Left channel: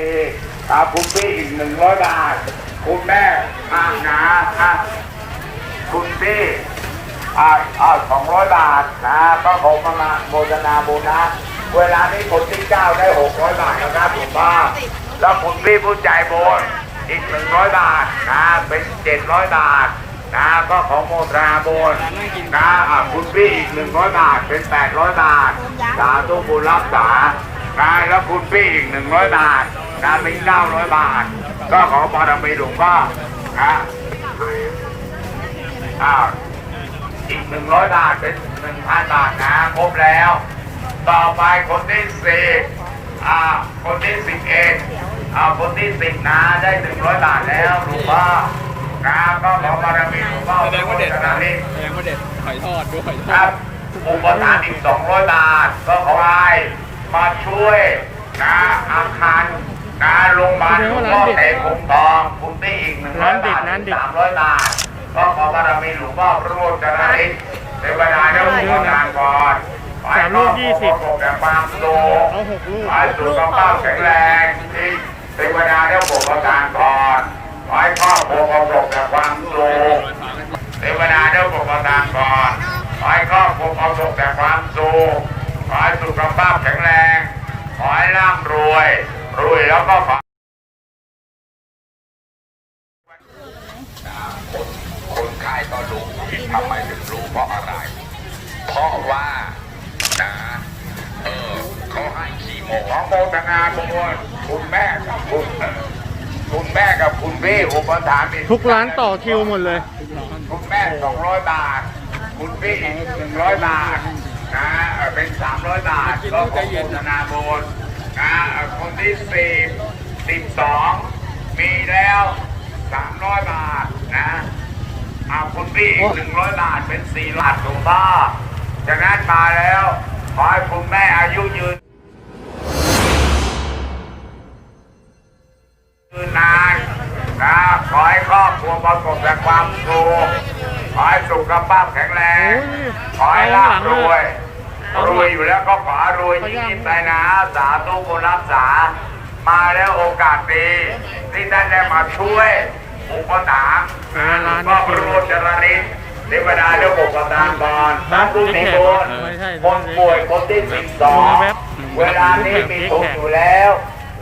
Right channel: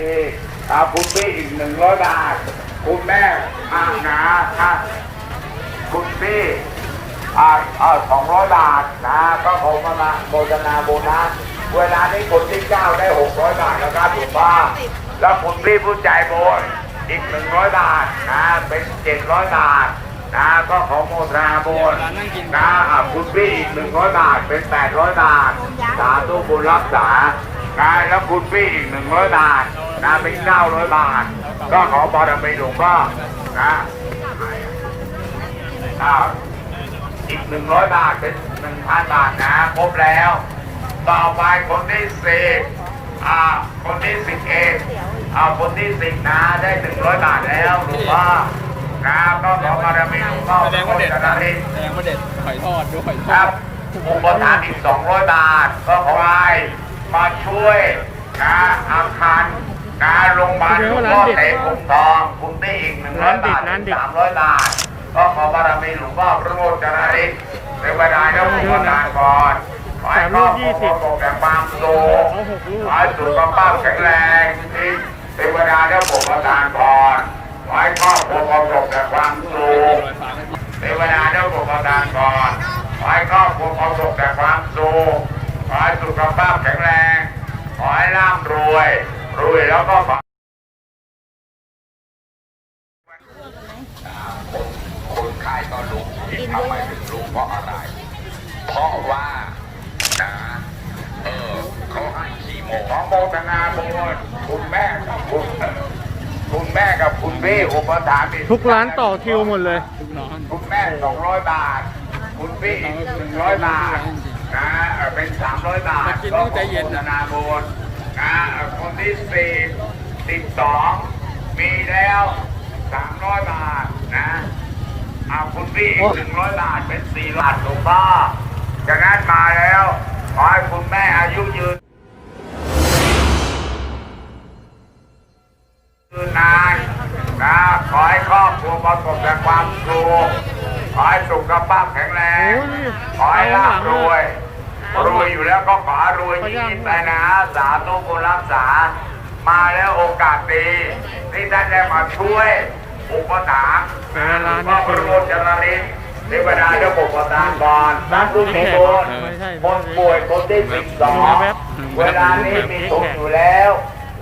อีกอ่าคุณพี่อีกหนึ่งร้อยบาท คุณแม่อ่านะอะคุณพี่อ่าอ่าสองร้อยบาทนะก็ผมมาโมทนาบุญนะเวลานี้คนที่เก้าได้หกร้อยบาทนะครับคุณป้าแล้วคุณพี่ผู้ใจบุญอีกหนึ่งร้อยบาทนะเป็นเจ็ดร้อยบาทนะก็ของโมทนาบุญนะอะคุณพี่อีกหนึ่งร้อยบาทเป็นแปดร้อยบาทสาธุบุญรักษานะแล้วคุณพี่อีกหนึ่งร้อยบาท นะเป็นเก้าร้อยบาท ก็ขอบารมีหลวงพ่อนะอ้าวอีกหนึ่งร้อยบาทเป็นหนึ่งพันบาทนะครบแล้ว ต่อไปคนที่สี่อ่าคนที่สิบเองอ่าคนที่สิบนะได้หนึ่งร้อยบาทแล้วหลวงพ่อนะก็ขอบารมีหลวงพ่อแสดงว่าเด็ดทุกคนนะนี่แสดงว่าเด็ดหอยทอดด้วยหอยทคอรัดบอุปทานอีกสองร้อยบาท ก็ขอให้มาช่วยนะอาคาร นะโรงพยาบาลหลวงพ่อเตะคงทองคุณได้อีกหนึ่งร้อยบาทสามร้อยบาท ก็ขอบารมีหลวงพ่อพระโรจน์นะนี่เทวดาเจ้าของงานก่อนสามลูกยี่สิบขอแต่ความสุขเอาหกลูกขอให้สุขภาพแข็งแรงที่เทวดาเจ้าของประทานพรขอให้ครอบครัวประสบแต่ความสุขเทวดาเจ้าของประทานพรขอให้ครอบครัวประสบแต่ความสุขขอให้สุขภาพแข็งแรง ขอให้ร่ำรวย รวยแล้วก็ขอคนขายก็รู้ทำไมถึงรู้เพราะอะไร เพราะว่านะเออเขาให้ขี้โมขอโมทนาคุณคุณแม่คุณคุณแม่กับคุณพี่อุปถัมภ์ทุกร้านต่อคิวหมดเลย คุณแม่สองร้อยบาท คุณพี่หนึ่งร้อยบาทนะเป็นสามร้อยบาทก็ขอโมทนาบุญ นะคนที่สี่สิบสองมีแล้วสามร้อยบาทนะเอาคุณพี่อีกหนึ่งร้อยบาทเป็นสี่บาทหลวงพ่อจากนั้นมาแล้วขอให้คุณแม่อายุยืนยืนนานนะขอให้ครอบครัวประสบแต่ความสุขขอให้สุขภาพแข็งแรงโอ้ยขอให้เอาหลังร่ำรวย รวยอยู่แล้วก็ขอให้รวยขอยิ่ยังงๆไปนะ สาธุบุญรักษา มาแล้วโอกาสดี ที่ท่านได้มาช่วยอุปถัมภ์แต่ละร้านนี่คือรวมจรารินเทวดาเจ้าปกประทานบอลร้านผู้เจ๊มีแขกบุญไม่ใช่คนป่วยคนที่สิบสองมีแว็บเวลานี้มีทุนอยู่แล้ว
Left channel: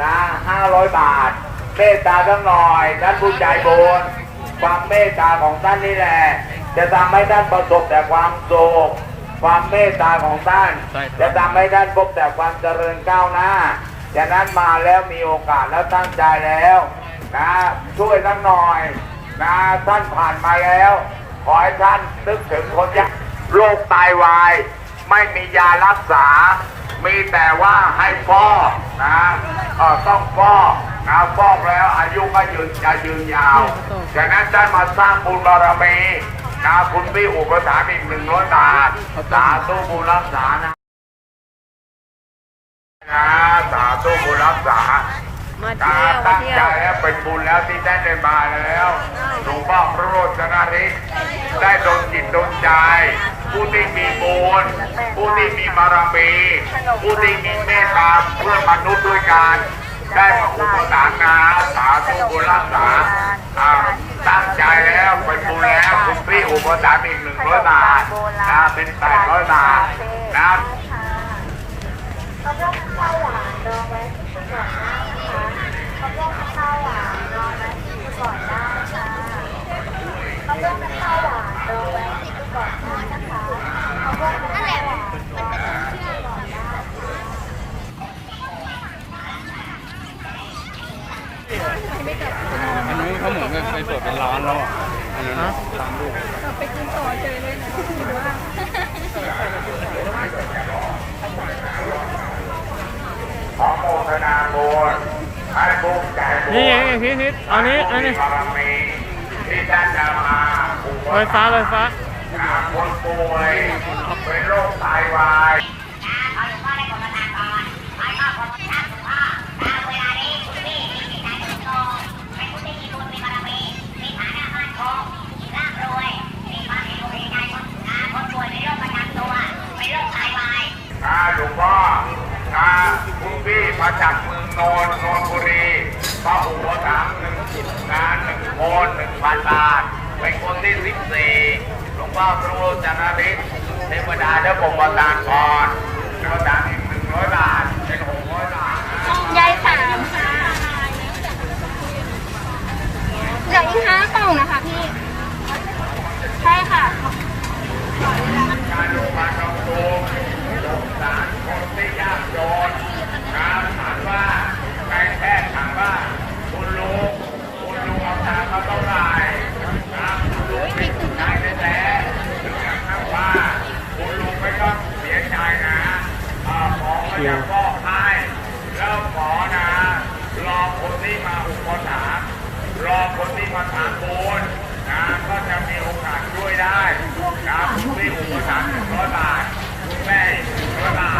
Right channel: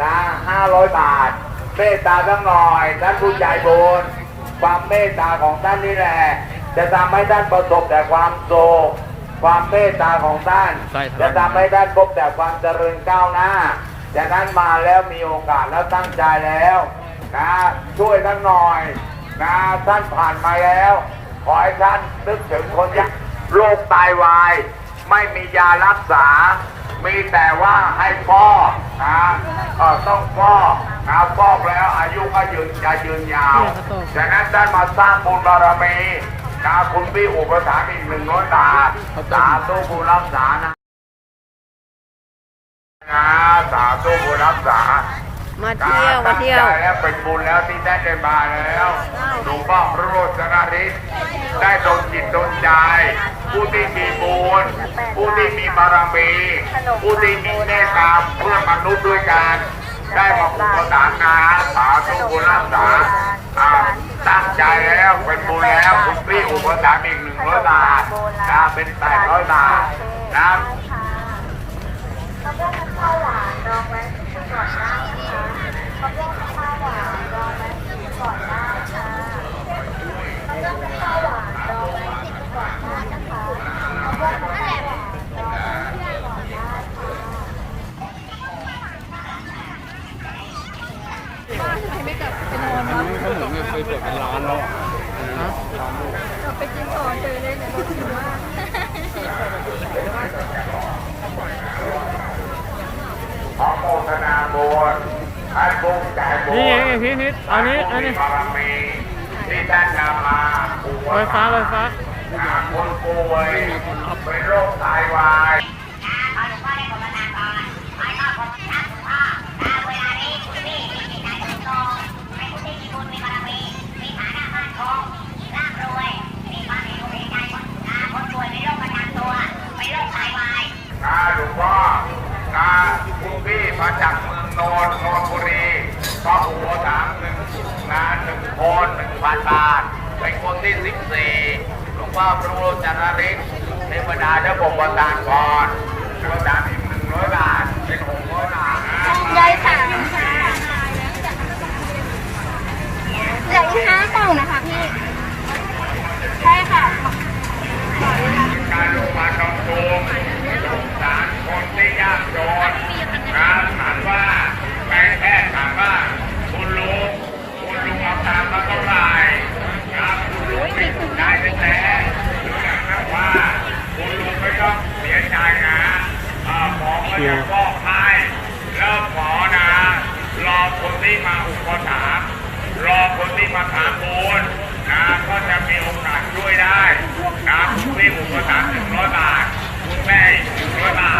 นะห้าร้อยบาท เมตตาทั้งหน่อยท่านผู้ใจบุญความเมตตาของท่านนี่แหละ จะทำให้ท่านประสบแต่ความสุข ความเมตตาของท่านใช่ครับจะทำให้ท่านพบแต่ความเจริญก้าวหน้าฉะนั้นมาแล้วมีโอกาสแล้วตั้งใจแล้วนะช่วยทั้งหน่อยนะท่านผ่านมาแล้ว ขอให้ท่านนึกถึงคนที่โรคไตวาย ไม่มียารักษา มีแต่ว่าให้ฟอกนะเอ่อต้องฟอกนะฟอกแล้วอายุก็ยืนจะยืนยาวเนี่ยเขาต้องฉะนั้นท่านมาสร้างบุญบารมี นะคุณพี่อุปถัมภ์อีกหนึ่งร้อยบาทสาธุบุญรักษานะนะสาธุบุญรักษามาเที่ยวมาเที่ยวแล้วเป็นบุญแล้วที่ได้ได้มาแล้วหลวงพ่อพระโรจนฤทธิ์ได้ดลจิตดลใจ ผู้ที่มีบุญผู้ที่มีบารมีผู้ที่มีเมตตาเพื่อมนุษย์ด้วยกันได้มาอุปถัมภ์นะสาธุบุญรักษาอ่า ตั้งใจแล้วเป็นบุญแล้วคุณพี่อุปถัมภ์อีกหนึ่งร้อยบาทนะเป็นแปดร้อยบาทนะเขาบอกมันข้าวหวานดองไว้ที่ก่อนหน้านะเขาบอกมันข้าวหวานดองไว้ที่ก่อนหน้าค่ะเขาบอกมันข้าวหวานดองไว้ที่ก่อนหน้านะคะนั่นแหละมันมันเป็นเที่ยวก่อนหน้าค่ะ อันนี้เขาเหมือนมันไปเปิดเป็นร้านแล้วอะ ฮะกลับไปกินต่อเจอเลยเนี่ยเรากินมากขอโมทนาบุญให้บุญใจบุญนี่ไงพี่ทิศอันนี้อันนี้บารมีที่ท่านนำมาอุปไฟฟ้าไฟฟ้าถัมภ์คนป่วยเป็นโรคไตวาย ก็อุปถัมภ์หนึ่งงานหนึ่งคนหนึ่งพันบาทเป็นคนที่สิบสี่หลวงพ่อพระรูปจาราภิกษ์เทวดาเจ้าปกประทานพรแล้วจากอีกหนึ่งร้อยบาทเป็นหกร้อยบาทนะยายสามเหลืออีกห้ากล่องนะคะพี่ ใช่ค่ะ การลงมาทุนสงสารคนที่ยากจนการถามว่าไปแค่ถามว่าคุณลุงคุณลุงเอาตังค์มาเท่าไหร่ครับคุณลุงมีใจไม่แท้ถึงกับนับว่าคุณลุงไม่ต้องเสียใจนะเอ่อหมอก็ จะฟอกให้แล้วหมอนะ รอคนที่มาอุปถัมภ์รอคนที่มาถามบุญนะก็จะมีโอกาสช่วยได้นะคุณพี่อุปถัมภ์หนึ่งร้อยบาทคุณแม่หนึ่งร้อยบาท